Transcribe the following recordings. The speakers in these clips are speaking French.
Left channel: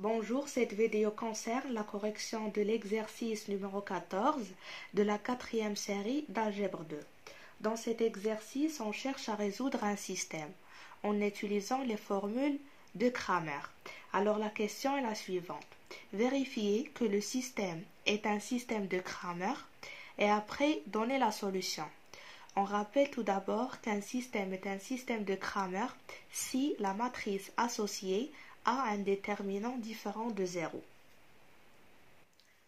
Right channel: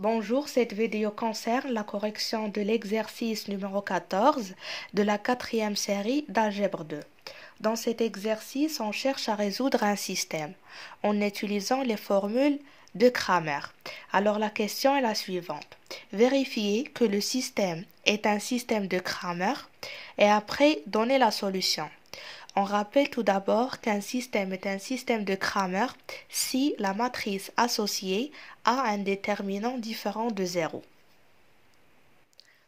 Bonjour, cette vidéo concerne la correction de l'exercice numéro 14 de la quatrième série d'Algèbre 2. Dans cet exercice, on cherche à résoudre un système en utilisant les formules de Cramer. Alors la question est la suivante. Vérifiez que le système est un système de Cramer et après donnez la solution. On rappelle tout d'abord qu'un système est un système de Cramer si la matrice associée a un déterminant différent de 0.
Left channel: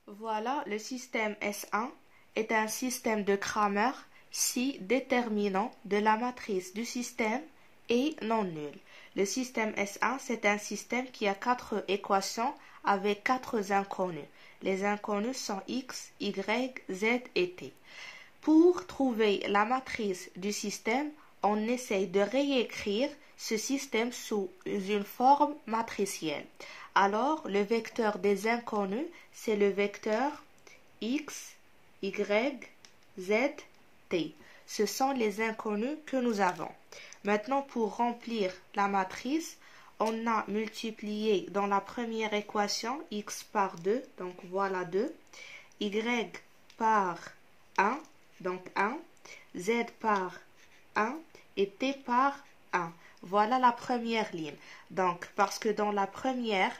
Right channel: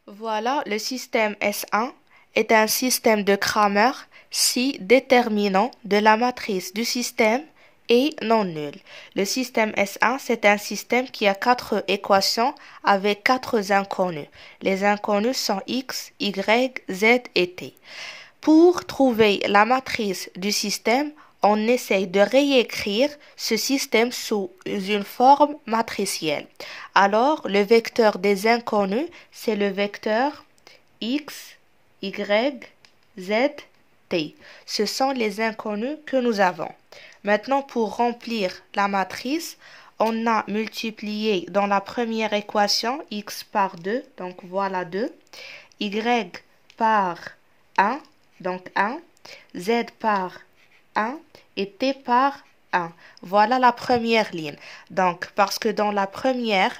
Voilà, le système S1 est un système de Cramer si déterminant de la matrice du système est non nul. Le système S1, c'est un système qui a 4 équations avec 4 inconnus. Les inconnus sont x, y, z et t. Pour trouver la matrice du système, on essaye de réécrire ce système sous une forme matricielle. Alors, le vecteur des inconnus, c'est le vecteur x, y, z, t. Ce sont les inconnus que nous avons. Maintenant, pour remplir la matrice, on a multiplié dans la première équation x par 2, donc voilà 2, y par 1, donc 1, z par 1 et t par 1. Voilà la première ligne. Donc, parce que dans la première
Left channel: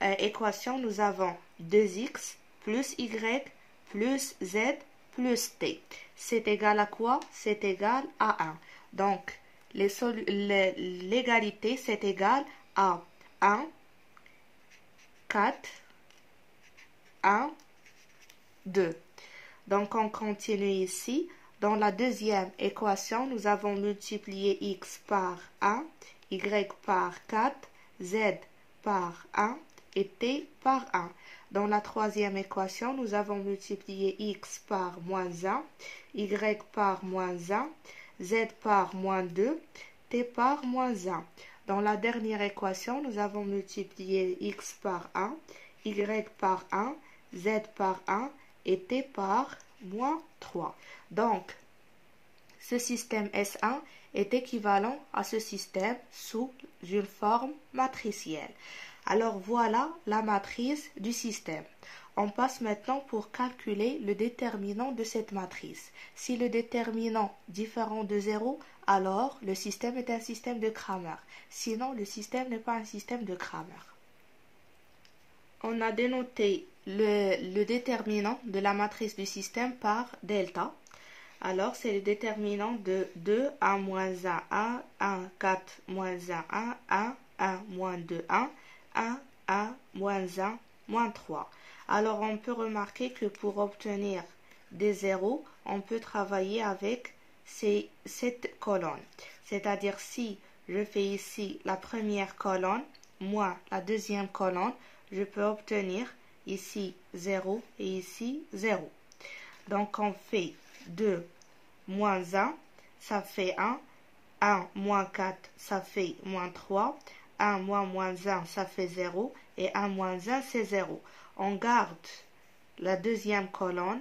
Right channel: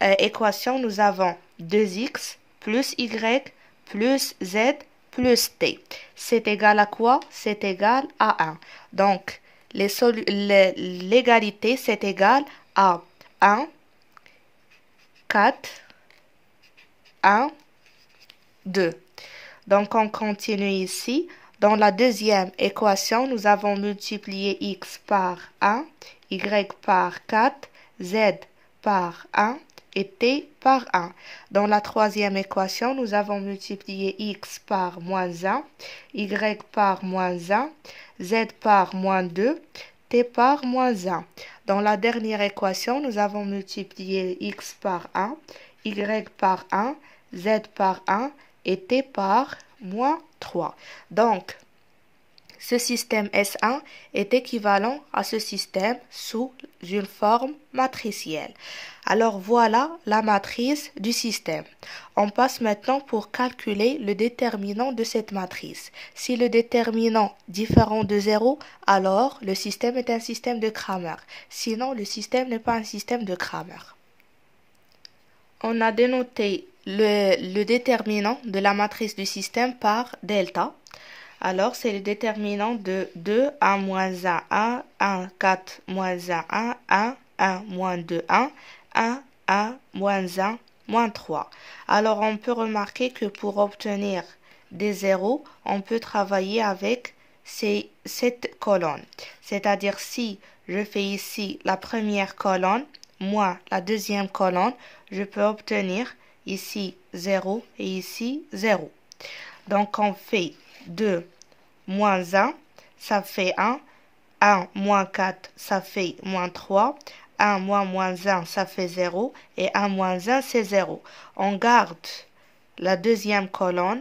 équation, nous avons 2x plus y plus z plus t. C'est égal à quoi? C'est égal à 1. Donc, l'égalité, c'est égal à 1, 4, 1, 2. Donc, on continue ici. Dans la deuxième équation, nous avons multiplié x par 1, y par 4, z par 1 et t par 1. Dans la troisième équation, nous avons multiplié x par moins 1, y par moins 1, z par moins 2, t par moins 1. Dans la dernière équation, nous avons multiplié x par 1, y par 1, z par 1 et t par moins 3. Donc, ce système S1 est équivalent à ce système sous une forme matricielle. Alors voilà la matrice du système. On passe maintenant pour calculer le déterminant de cette matrice. Si le déterminant différent de 0, alors le système est un système de Cramer. Sinon, le système n'est pas un système de Cramer. On a dénoté le déterminant de la matrice du système par delta. Alors, c'est le déterminant de 2, 1, moins 1, 1, 1, 4, moins 1, 1, 1, 1, moins 2, 1, 1, 1, moins 1, moins 3. Alors, on peut remarquer que pour obtenir des zéros, on peut travailler avec cette colonne. C'est-à-dire, si je fais ici la première colonne, moins la deuxième colonne, je peux obtenir ici 0 et ici 0. Donc, on fait 2 moins 1, ça fait 1. 1 moins 4, ça fait moins 3. 1 moins 1, ça fait 0. Et 1 moins 1, c'est 0. On garde la deuxième colonne,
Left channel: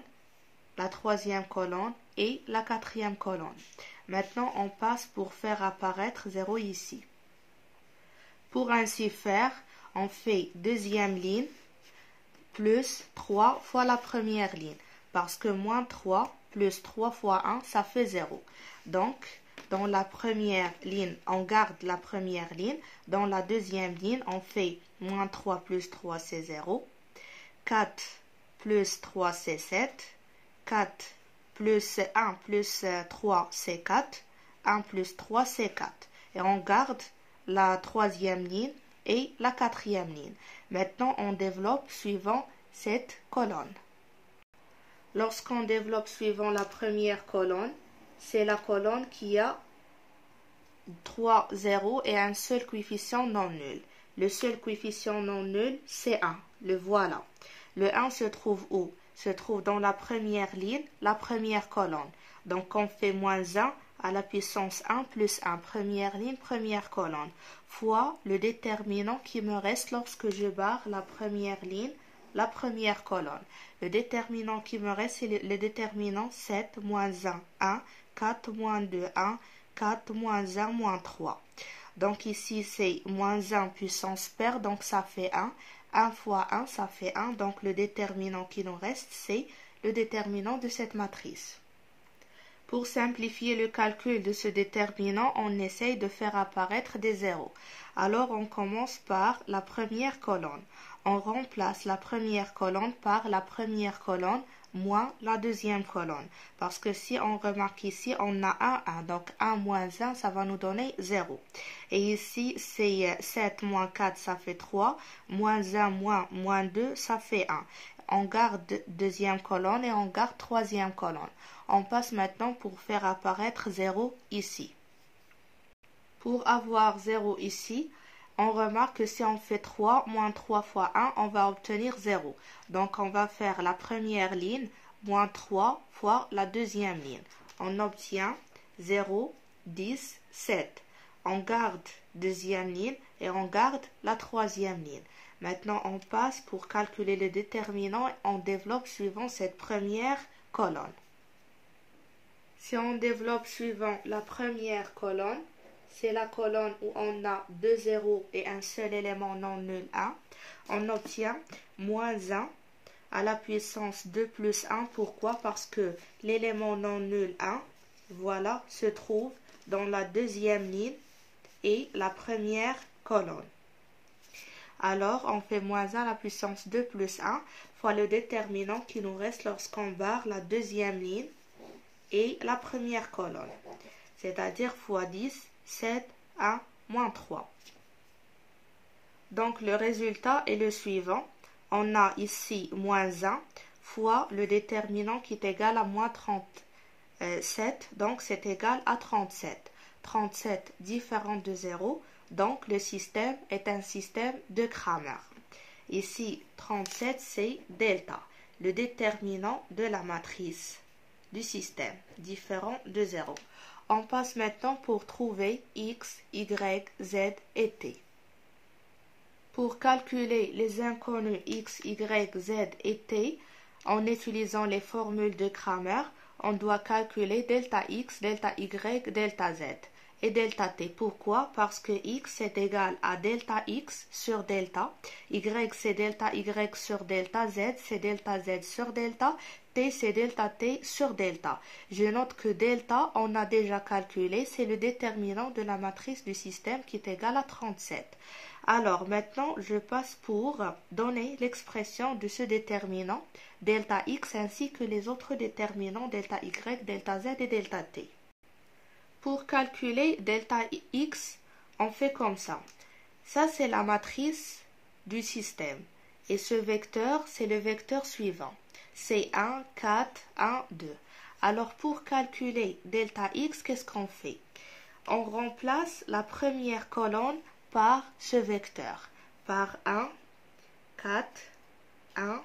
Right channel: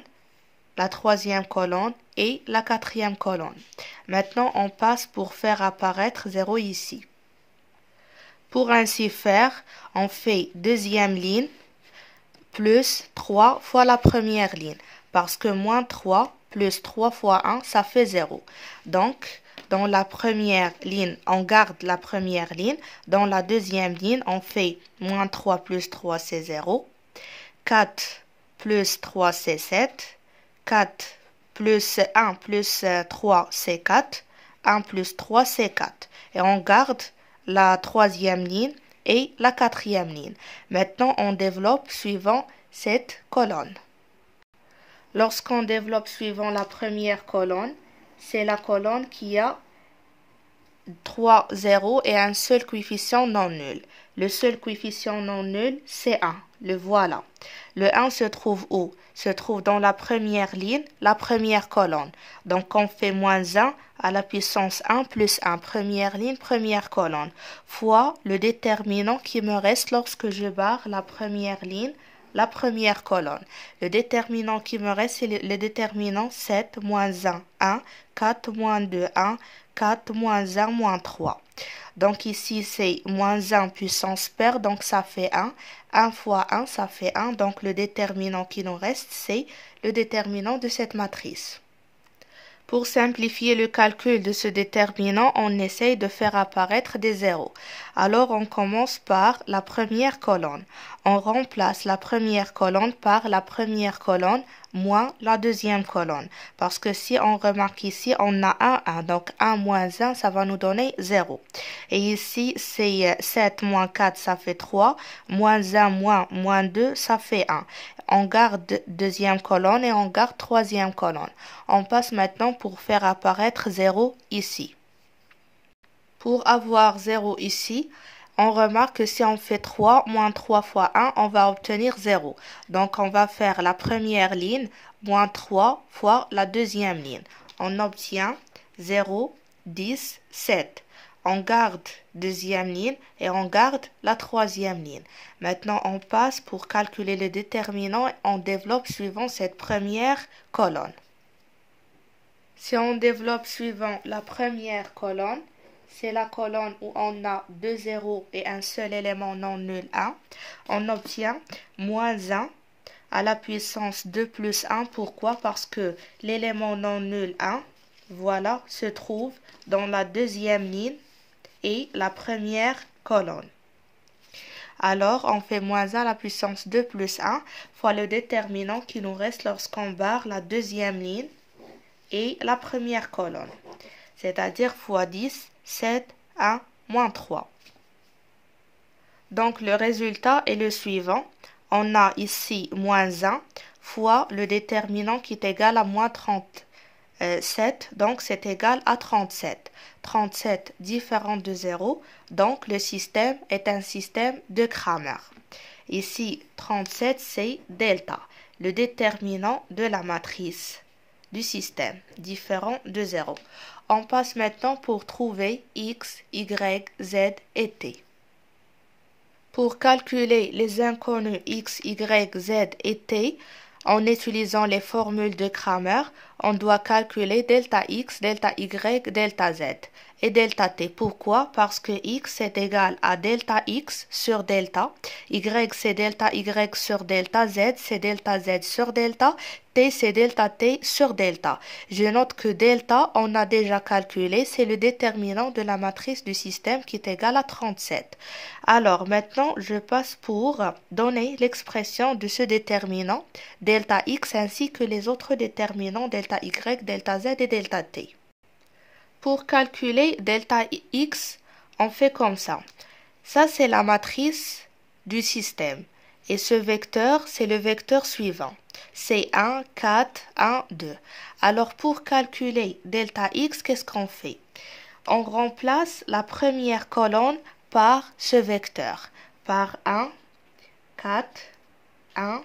la troisième colonne et la quatrième colonne. Maintenant, on passe pour faire apparaître 0 ici. Pour ainsi faire, on fait deuxième ligne plus 3 fois la première ligne. Parce que moins 3 plus 3 fois 1, ça fait 0. Donc, dans la première ligne, on garde la première ligne. Dans la deuxième ligne, on fait moins 3 plus 3, c'est 0. 4 plus 3, c'est 7. 4 plus 1 plus 3, c'est 4. 1 plus 3, c'est 4. Et on garde la troisième ligne et la quatrième ligne. Maintenant, on développe suivant cette colonne. Lorsqu'on développe suivant la première colonne, c'est la colonne qui a 3 zéros et un seul coefficient non nul. Le seul coefficient non nul, c'est 1. Le voilà. Le 1 se trouve où? Se trouve dans la première ligne, la première colonne. Donc, on fait moins 1 à la puissance 1 plus 1. Première ligne, première colonne. Fois le déterminant qui me reste lorsque je barre la première ligne, la première colonne. Le déterminant qui me reste, c'est le déterminant 7, moins 1, 1, 4, moins 2, 1, 4, moins 1, moins 3. Donc ici, c'est moins 1 puissance paire, donc ça fait 1. 1 fois 1, ça fait 1. Donc le déterminant qui nous reste, c'est le déterminant de cette matrice. Pour simplifier le calcul de ce déterminant, on essaye de faire apparaître des zéros. Alors on commence par la première colonne. On remplace la première colonne par la première colonne moins la deuxième colonne. Parce que si on remarque ici, on a 1. Donc 1 moins 1, ça va nous donner 0. Et ici, c'est 7 moins 4, ça fait 3. Moins 1 moins 2, ça fait 1. On garde deuxième colonne et on garde troisième colonne. On passe maintenant pour faire apparaître 0 ici. Pour avoir 0 ici, on remarque que si on fait 3 moins 3 fois 1, on va obtenir 0. Donc on va faire la première ligne moins 3 fois la deuxième ligne. On obtient 0, 10, 7. On garde deuxième ligne et on garde la troisième ligne. Maintenant, on passe pour calculer le déterminant et on développe suivant cette première colonne. Si on développe suivant la première colonne, c'est la colonne où on a 2 zéros et un seul élément non nul 1. On obtient moins 1 à la puissance 2 plus 1. Pourquoi? Parce que l'élément non nul 1, voilà, se trouve dans la deuxième ligne et la première colonne. Alors, on fait moins 1 à la puissance 2 plus 1 fois le déterminant qui nous reste lorsqu'on barre la deuxième ligne et la première colonne. C'est-à-dire fois 10, 7, 1, moins 3. Donc, le résultat est le suivant. On a ici moins 1 fois le déterminant qui est égal à moins 37. Donc, c'est égal à 37. 37 différent de 0. Donc, le système est un système de Cramer. Ici, 37, c'est delta, le déterminant de la matrice du système, différent de 0. On passe maintenant pour trouver x, y, z et t. Pour calculer les inconnus x, y, z et t, en utilisant les formules de Cramer, on doit calculer delta x, delta y, delta z et delta t. Pourquoi? Parce que x est égal à delta x sur delta, y c'est delta y sur delta, z c'est delta z sur delta, t c'est delta t sur delta. Je note que delta, on a déjà calculé, c'est le déterminant de la matrice du système qui est égal à 37. Alors maintenant, je passe pour donner l'expression de ce déterminant, delta x ainsi que les autres déterminants delta y, delta z et delta t. Pour calculer delta x, on fait comme ça. Ça, c'est la matrice du système. Et ce vecteur, c'est le vecteur suivant. C'est 1, 4, 1, 2. Alors, pour calculer delta x, qu'est-ce qu'on fait? On remplace la première colonne par ce vecteur. Par 1, 4, 1,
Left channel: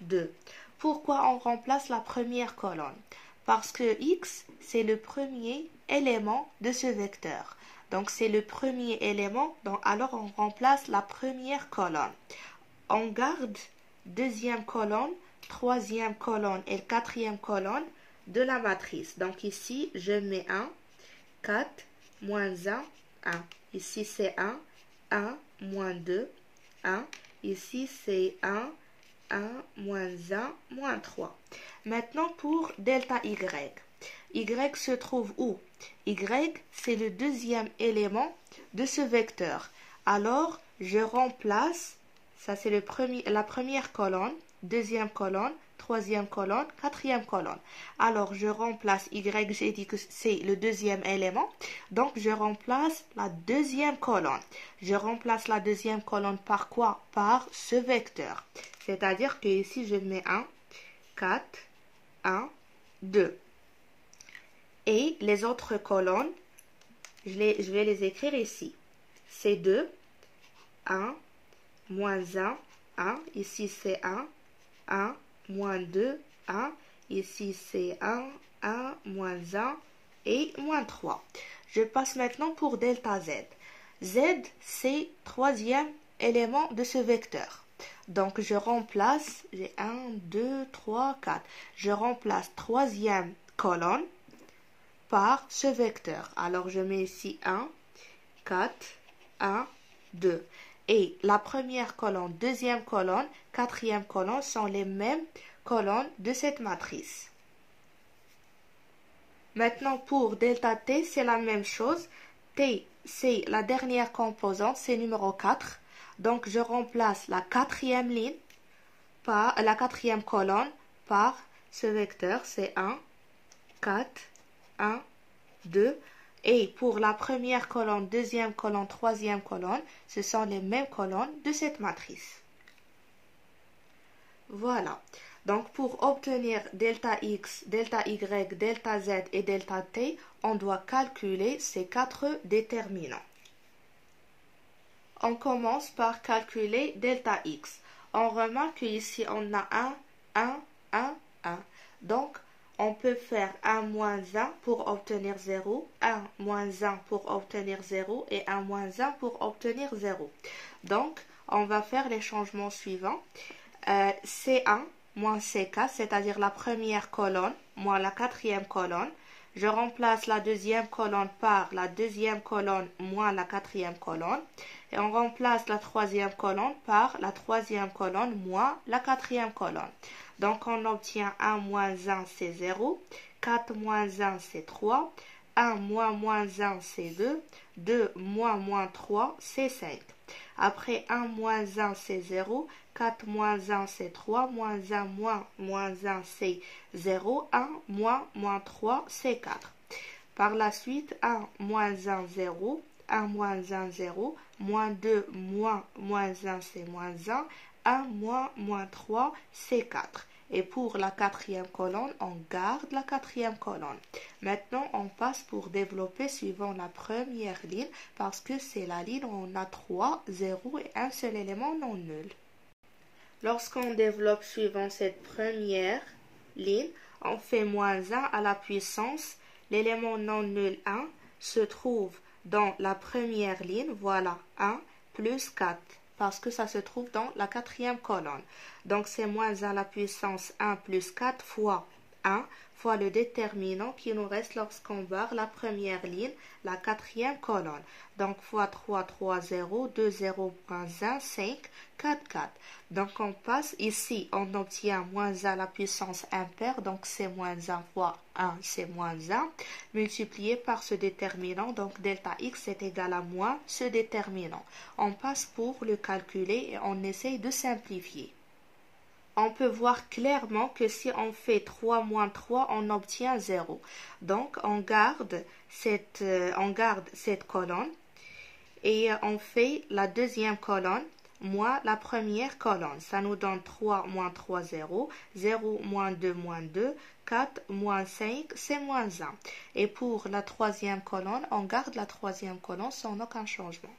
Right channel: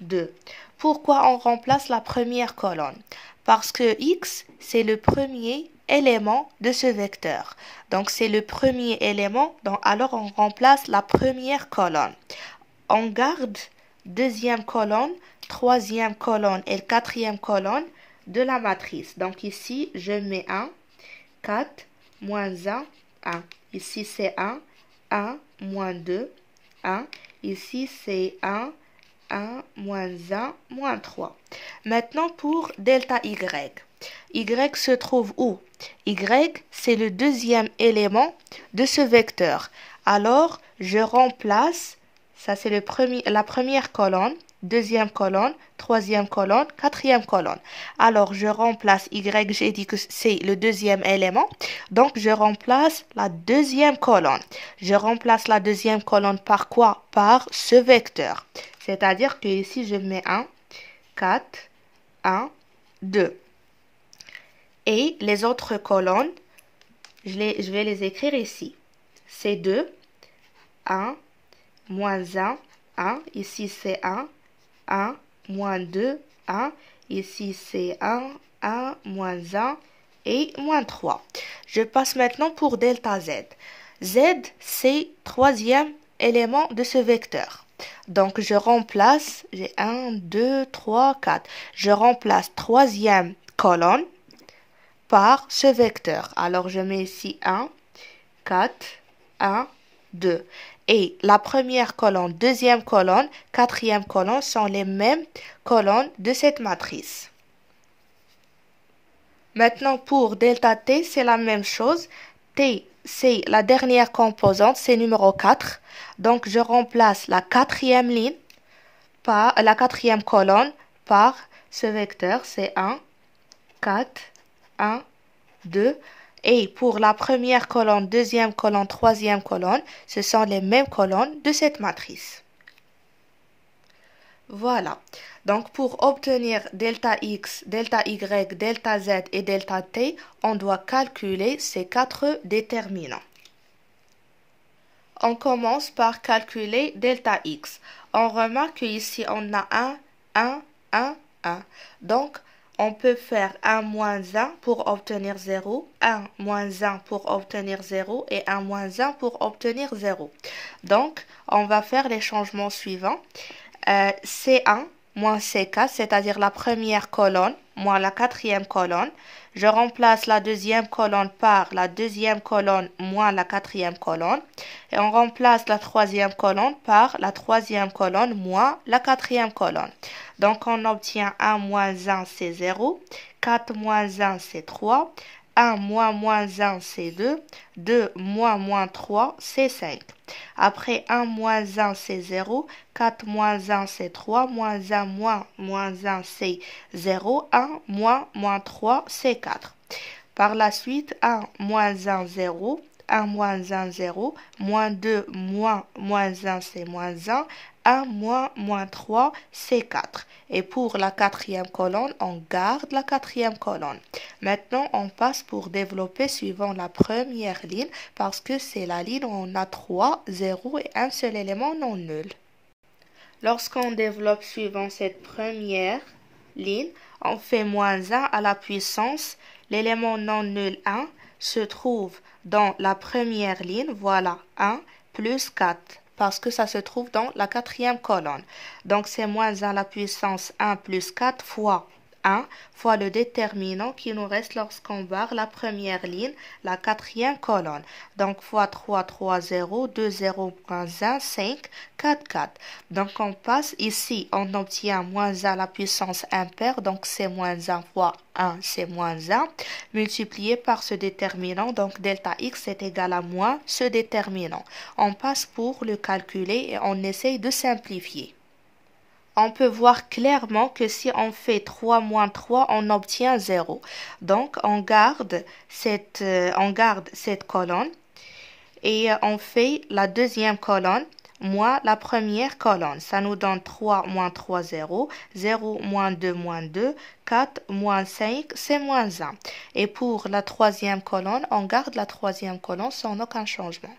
2. Pourquoi on remplace la première colonne? Parce que x, c'est le premier élément de ce vecteur. Donc, c'est le premier élément, donc alors on remplace la première colonne. On garde deuxième colonne, troisième colonne et quatrième colonne de la matrice. Donc, ici, je mets 1, 4, moins 1, 1. Ici, c'est 1, moins 2, 1. Ici, c'est 1, moins 1, moins 3. Maintenant, pour delta y. Y se trouve où? Y, c'est le deuxième élément de ce vecteur. Alors, je remplace, ça c'est la première colonne, deuxième colonne, troisième colonne, quatrième colonne. Alors, je remplace Y, j'ai dit que c'est le deuxième élément. Donc, je remplace la deuxième colonne. Je remplace la deuxième colonne par quoi? Par ce vecteur. C'est-à-dire que ici, je mets 1, 4, 1, 2. Et les autres colonnes, je vais les écrire ici. C'est 2, 1, moins 1, 1. Ici, c'est 1, moins 2, 1. Ici, c'est 1, moins 1 et moins 3. Je passe maintenant pour delta z. Z, c'est troisième élément de ce vecteur. Donc, je remplace, j'ai 1, 2, 3, 4. Je remplace troisième colonne par ce vecteur. Alors, je mets ici 1, 4, 1, 2. Et la première colonne, deuxième colonne, quatrième colonne sont les mêmes colonnes de cette matrice. Maintenant, pour delta t, c'est la même chose. T, c'est la dernière composante, c'est numéro 4. Donc, je remplace la quatrième ligne par la quatrième colonne par ce vecteur, c'est 1, 4, 1, 2. Et pour la première colonne, deuxième colonne, troisième colonne, ce sont les mêmes colonnes de cette matrice. Voilà. Donc, pour obtenir delta x, delta y, delta z et delta t, on doit calculer ces 4 déterminants. On commence par calculer delta x. On remarque qu'ici, on a 1, 1. Donc, on peut faire 1 moins 1 pour obtenir 0, 1 moins 1 pour obtenir 0 et 1 moins 1 pour obtenir 0. Donc, on va faire les changements suivants. C1 moins C4, c'est-à-dire la première colonne moins la quatrième colonne. Je remplace la deuxième colonne par la deuxième colonne moins la quatrième colonne. Et on remplace la troisième colonne par la troisième colonne moins la quatrième colonne. Donc, on obtient 1 moins 1, c'est 0. 4 moins 1, c'est 3. 1 moins 1, c'est 2. 2 moins 3, c'est 5. Après 1 moins 1, c'est 0. 4 moins 1, c'est 3. Moins 1 moins 1, c'est 0. 1 moins 3, c'est 4. Par la suite, 1 moins 1, 0. 1 moins 1, 0. Moins 2 moins 1, c'est moins 1. 1 moins 3, c'est 4. Et pour la quatrième colonne, on garde la quatrième colonne. Maintenant, on passe pour développer suivant la première ligne parce que c'est la ligne où on a 3, 0 et un seul élément non nul. Lorsqu'on développe suivant cette première ligne, on fait moins 1 à la puissance. L'élément non nul 1 se trouve dans la première ligne. Voilà, 1 plus 4. Parce que ça se trouve dans la quatrième colonne. Donc, c'est moins 1 à la puissance 1 plus 4 fois 1 fois le déterminant qui nous reste lorsqu'on barre la première ligne, la quatrième colonne. Donc, fois 3, 3, 0, 2, 0, moins 1, 5, 4, 4. Donc, on passe ici, on obtient moins 1 à la puissance impaire. Donc, c'est moins 1 fois 1, c'est moins 1, multiplié par ce déterminant. Donc, delta x est égal à moins ce déterminant. On passe pour le calculer et on essaye de simplifier. On peut voir clairement que si on fait 3 moins 3, on obtient 0. Donc, on garde cette colonne et on fait la deuxième colonne moins la première colonne. Ça nous donne 3 moins 3, 0. 0 moins 2, 4 moins 5, c'est moins 1. Et pour la troisième colonne, on garde la troisième colonne sans aucun changement.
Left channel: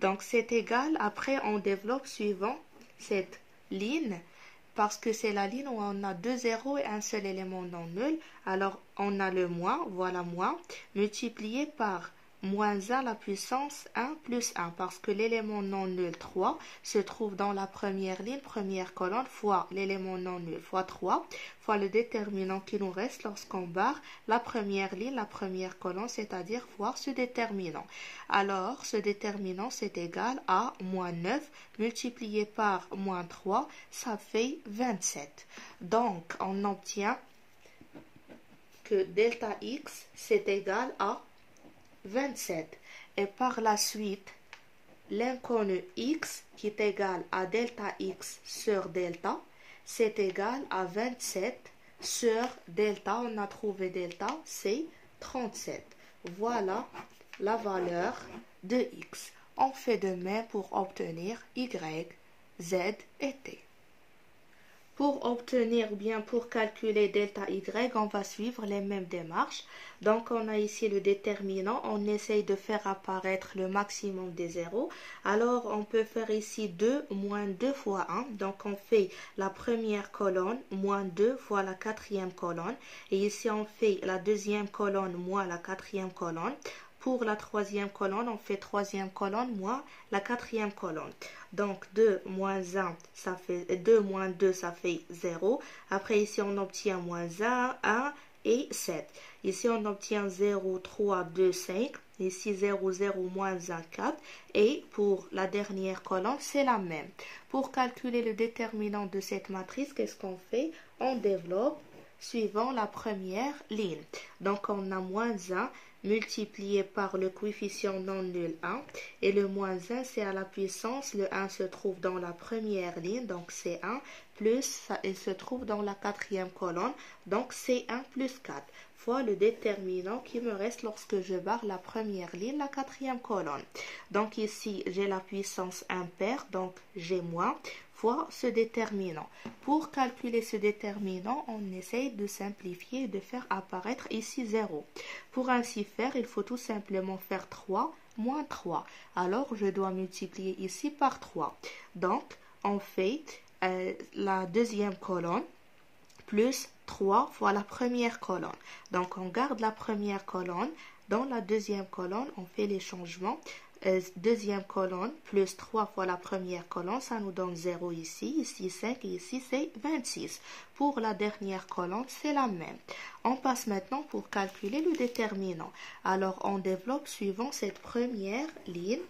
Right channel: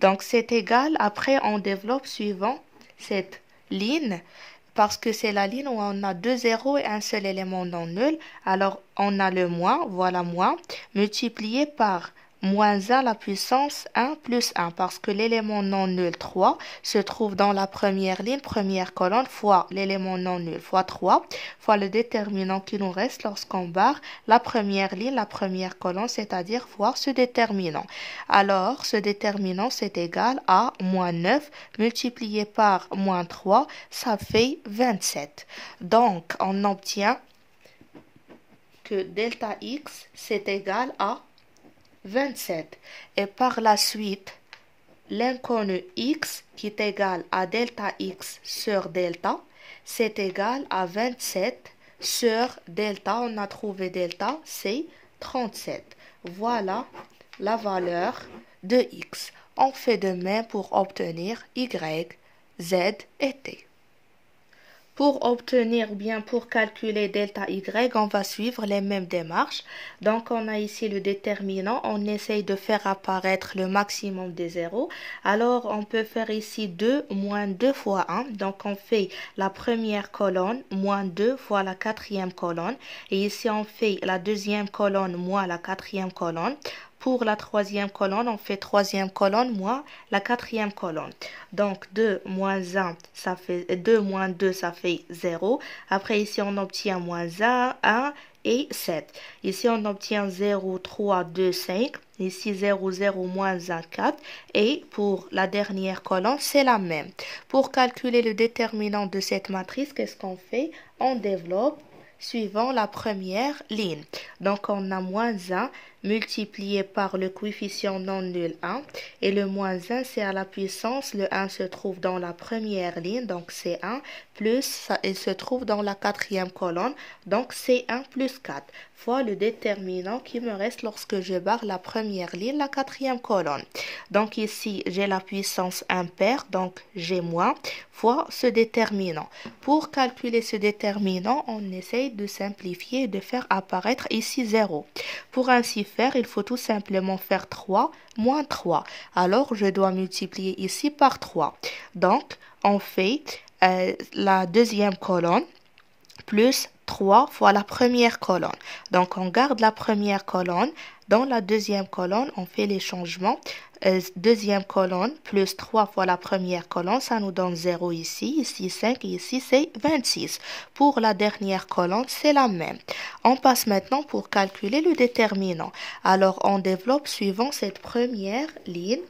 Donc, c'est égal. Après, on développe suivant cette ligne. Parce que c'est la ligne où on a 2 zéros et un seul élément non nul. Alors, on a le moins, voilà moins, multiplié par moins 1 à la puissance 1 plus 1. Parce que l'élément non nul 3 se trouve dans la première ligne, première colonne, fois l'élément non nul, fois 3, fois le déterminant qui nous reste lorsqu'on barre la première ligne, la première colonne, c'est-à-dire fois ce déterminant. Alors, ce déterminant, c'est égal à moins 9 multiplié par moins 3, ça fait 27. Donc, on obtient que delta x, c'est égal à 27. Et par la suite, l'inconnu x qui est égal à delta x sur delta, c'est égal à 27 sur delta. On a trouvé delta, c'est 37. Voilà la valeur de x. On fait de même pour obtenir y, z et t. Pour obtenir ou bien pour calculer delta y, on va suivre les mêmes démarches. Donc, on a ici le déterminant. On essaye de faire apparaître le maximum des zéros. Alors, on peut faire ici 2 moins 2 fois 1. Donc, on fait la première colonne moins 2 fois la quatrième colonne. Et ici, on fait la deuxième colonne moins la quatrième colonne. Pour la troisième colonne, on fait troisième colonne moins la quatrième colonne. Donc, 2 moins 1, ça fait 2 moins 2, ça fait 0. Après, ici, on obtient moins 1, 1 et 7. Ici, on obtient 0, 3, 2, 5. Ici, 0, 0, moins 1, 4. Et pour la dernière colonne, c'est la même. Pour calculer le déterminant de cette matrice, qu'est-ce qu'on fait? On développe suivant la première ligne. Donc, on a moins 1 multiplié par le coefficient non nul 1. Et le moins 1, c'est à la puissance. Le 1 se trouve dans la première ligne, donc c'est 1. Plus, il se trouve dans la quatrième colonne, donc c'est 1 plus 4. Fois le déterminant qui me reste lorsque je barre la première ligne, la quatrième colonne. Donc ici, j'ai la puissance impaire, donc j'ai moins, fois ce déterminant. Pour calculer ce déterminant, on essaye de simplifier et de faire apparaître ici 0. Pour ainsi faire, il faut tout simplement faire 3 moins 3. Alors, je dois multiplier ici par 3. Donc, on fait la deuxième colonne plus 3 fois la première colonne. Donc, on garde la première colonne. Dans la deuxième colonne, on fait les changements. Deuxième colonne, plus 3 fois la première colonne, ça nous donne 0 ici, ici 5 et ici c'est 26. Pour la dernière colonne, c'est la même. On passe maintenant pour calculer le déterminant. Alors, on développe suivant cette première ligne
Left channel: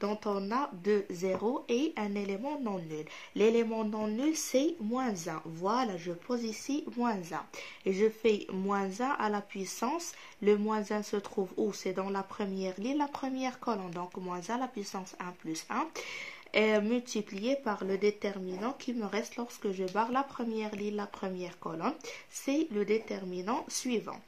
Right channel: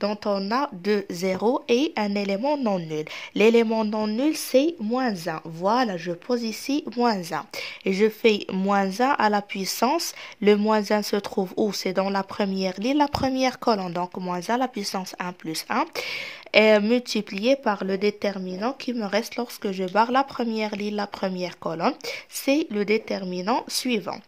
dont on a deux zéros et un élément non nul. L'élément non nul, c'est moins 1. Voilà, je pose ici moins 1. Et je fais moins 1 à la puissance. Le moins 1 se trouve où? C'est dans la première ligne, la première colonne. Donc, moins 1 à la puissance 1 plus 1 est multiplié par le déterminant qui me reste lorsque je barre la première ligne, la première colonne. C'est le déterminant suivant.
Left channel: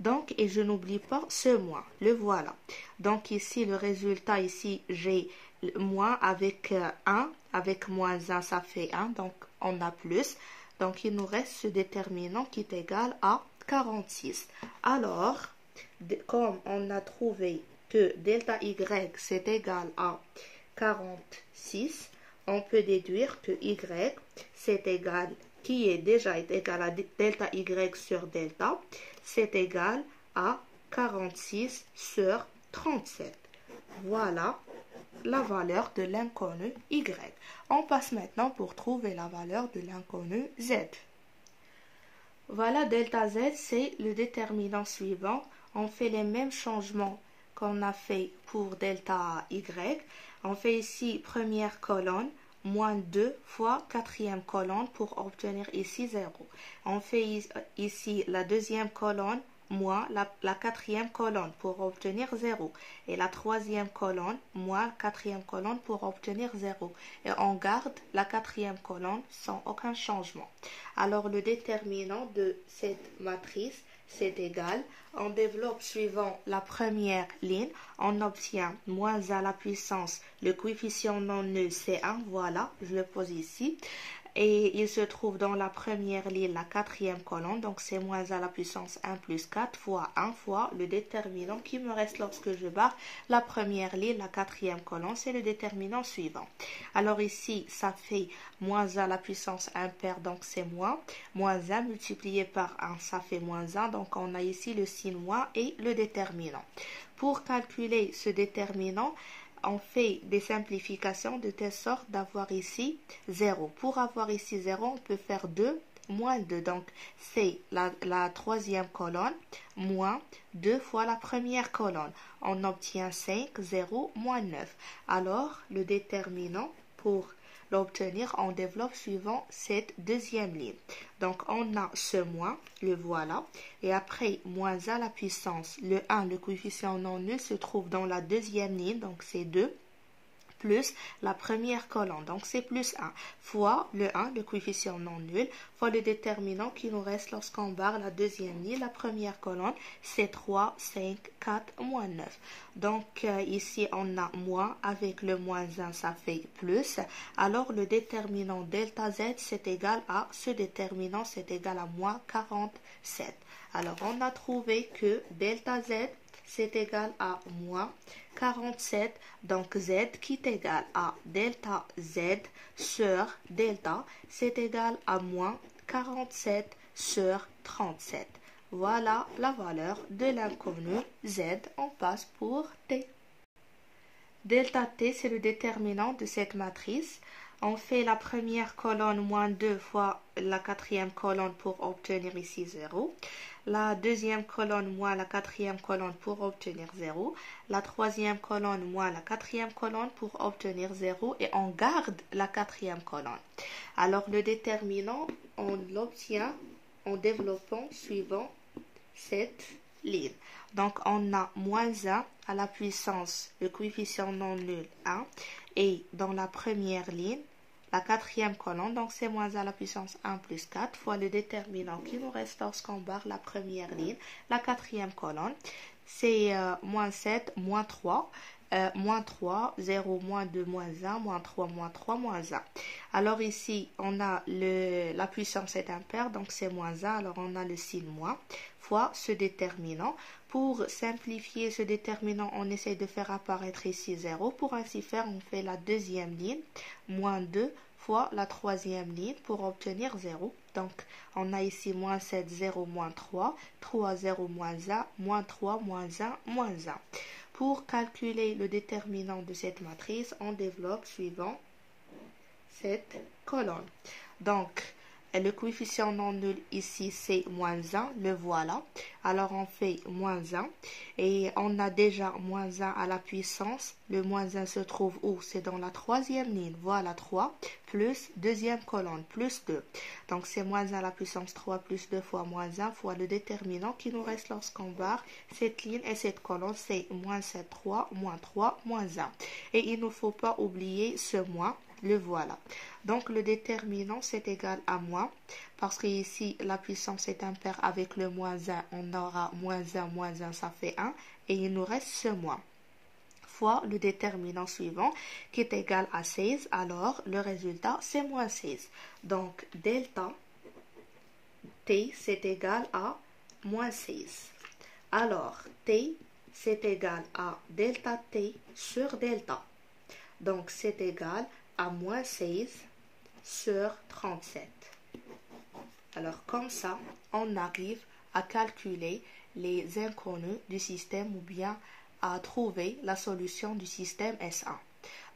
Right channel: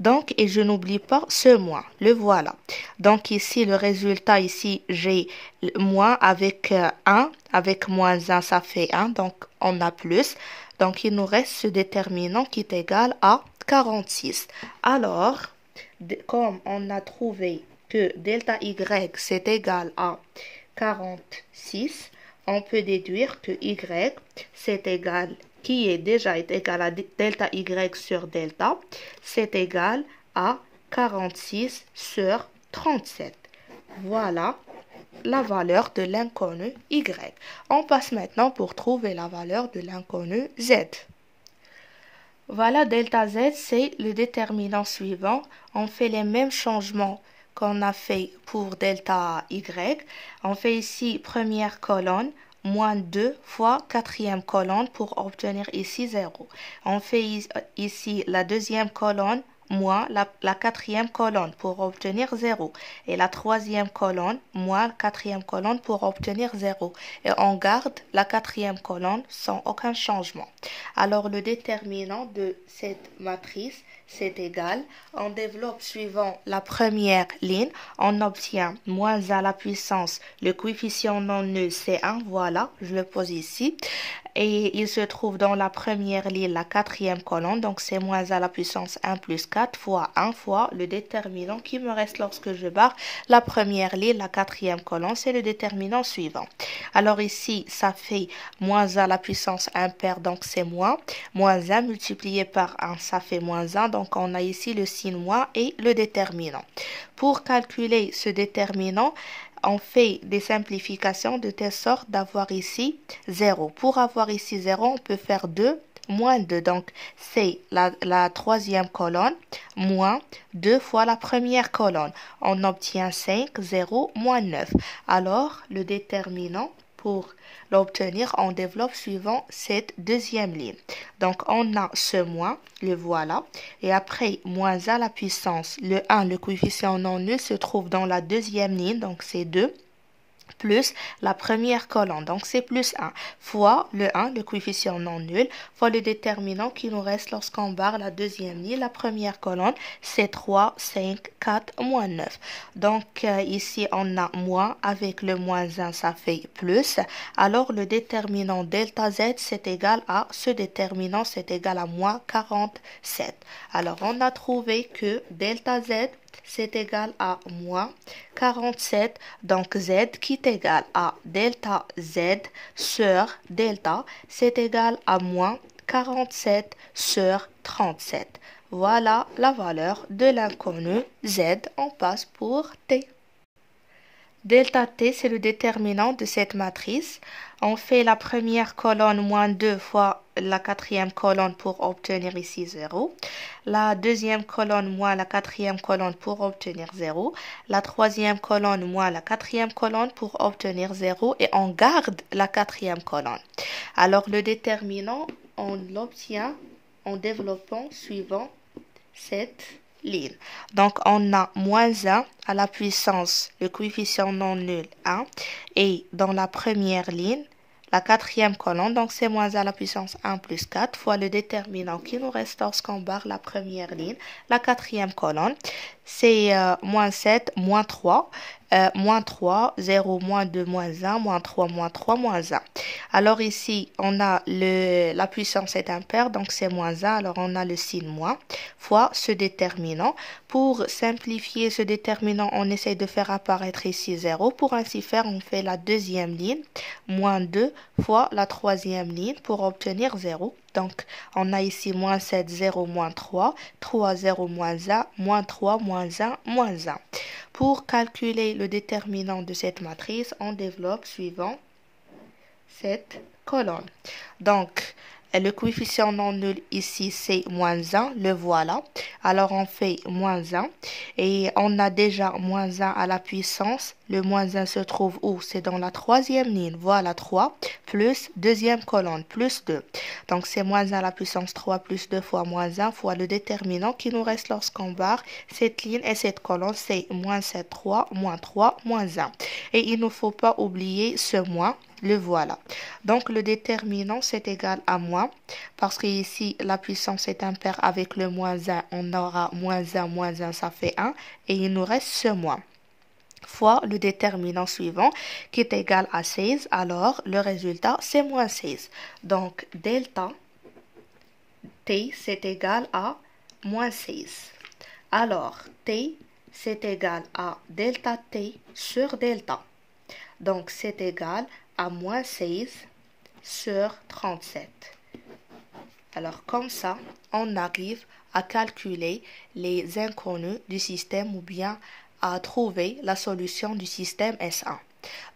Donc, et je n'oublie pas ce moins. Le voilà. Donc, ici, le résultat, ici, j'ai moins avec 1. Avec moins 1, ça fait 1. Donc, on a plus. Donc, il nous reste ce déterminant qui est égal à 46. Alors, comme on a trouvé que delta y, c'est égal à 46, on peut déduire que y, c'est égal, qui est déjà égal à delta y sur delta, c'est égal à 46 sur 37. Voilà la valeur de l'inconnu y. On passe maintenant pour trouver la valeur de l'inconnu z. Voilà, delta z, c'est le déterminant suivant. On fait les mêmes changements qu'on a fait pour delta y. On fait ici première colonne, moins 2 fois quatrième colonne pour obtenir ici 0. On fait ici la deuxième colonne, moins la quatrième colonne pour obtenir 0. Et la troisième colonne, moins la quatrième colonne pour obtenir 0. Et on garde la quatrième colonne sans aucun changement. Alors le déterminant de cette matrice, c'est égal. On développe suivant la première ligne. On obtient moins à la puissance. Le coefficient non nul, c'est 1. Voilà, je le pose ici. Et il se trouve dans la première ligne, la quatrième colonne. Donc, c'est moins à la puissance 1 plus 4 fois 1 fois le déterminant qui me reste lorsque je barre la première ligne, la quatrième colonne. C'est le déterminant suivant. Alors ici, ça fait moins à la puissance impaire, donc c'est moins. Moins 1 multiplié par 1, ça fait moins 1. Donc, on a ici le signe moins et le déterminant. Pour calculer ce déterminant, on fait des simplifications de telle sorte d'avoir ici 0. Pour avoir ici 0, on peut faire 2 moins 2. Donc, c'est la troisième colonne moins 2 fois la première colonne. On obtient 5, 0, moins 9. Alors, le déterminant pour l'obtenir, on développe suivant cette deuxième ligne. Donc, on a ce moins, le voilà. Et après, moins à la puissance, le 1, le coefficient non nul, se trouve dans la deuxième ligne, donc c'est 2. Plus la première colonne, donc c'est plus 1, fois le 1, le coefficient non nul, fois le déterminant qui nous reste lorsqu'on barre la deuxième ligne, la première colonne, c'est 3, 5, 4, moins 9. Donc ici, on a moins, avec le moins 1, ça fait plus. Alors le déterminant delta z, c'est égal à, ce déterminant, c'est égal à moins 47. Alors on a trouvé que delta z, c'est égal à moins 47, donc z qui est égal à delta z sur delta, c'est égal à moins 47 sur 37. Voilà la valeur de l'inconnu z. On passe pour t. Delta t, c'est le déterminant de cette matrice. On fait la première colonne moins 2 fois la quatrième colonne pour obtenir ici 0. La deuxième colonne moins la quatrième colonne pour obtenir 0. La troisième colonne moins la quatrième colonne pour obtenir 0. Et on garde la quatrième colonne. Alors le déterminant, on l'obtient en développant suivant cette ligne. Donc, on a moins 1 à la puissance, le coefficient non nul 1. Et dans la première ligne, la quatrième colonne, donc c'est moins 1 à la puissance 1 plus 4 fois le déterminant qui nous reste lorsqu'on barre la première ligne. La quatrième colonne, c'est moins 7, moins 3. Moins 3, 0, moins 2, moins 1, moins 3, moins 3, moins 1. Alors ici, on a la puissance est impaire, donc c'est moins 1. Alors on a le signe moins fois ce déterminant. Pour simplifier ce déterminant, on essaye de faire apparaître ici 0. Pour ainsi faire, on fait la deuxième ligne, moins 2 fois la troisième ligne pour obtenir 0. Donc, on a ici moins 7, 0, moins 3, 3, 0, moins 1, moins 3, moins 1, moins 1. Pour calculer le déterminant de cette matrice, on développe suivant cette colonne. Donc, le coefficient non nul ici, c'est moins 1, le voilà. Alors, on fait moins 1 et on a déjà moins 1 à la puissance. Le moins 1 se trouve où? C'est dans la troisième ligne. Voilà 3 plus deuxième colonne, plus 2. Donc, c'est moins 1 à la puissance 3 plus 2 fois moins 1 fois le déterminant qui nous reste lorsqu'on barre cette ligne et cette colonne, c'est moins 7, 3, moins 3, moins 1. Et il ne faut pas oublier ce moins. Le voilà. Donc, le déterminant, c'est égal à moins. Parce que ici, la puissance est impaire avec le moins 1. On aura moins 1, ça fait 1. Et il nous reste ce moins. Fois le déterminant suivant qui est égal à 16. Alors, le résultat, c'est moins 16. Donc, delta t, c'est égal à moins 16. Alors, t, c'est égal à delta t sur delta. Donc, c'est égal à moins 16 sur 37. Alors, comme ça, on arrive à calculer les inconnus du système ou bien à trouver la solution du système S1.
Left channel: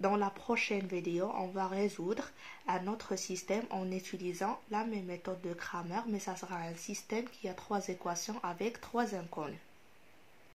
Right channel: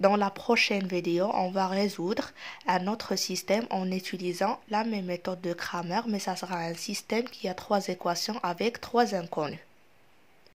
Dans la prochaine vidéo, on va résoudre un autre système en utilisant la même méthode de Cramer, mais ça sera un système qui a 3 équations avec 3 inconnus.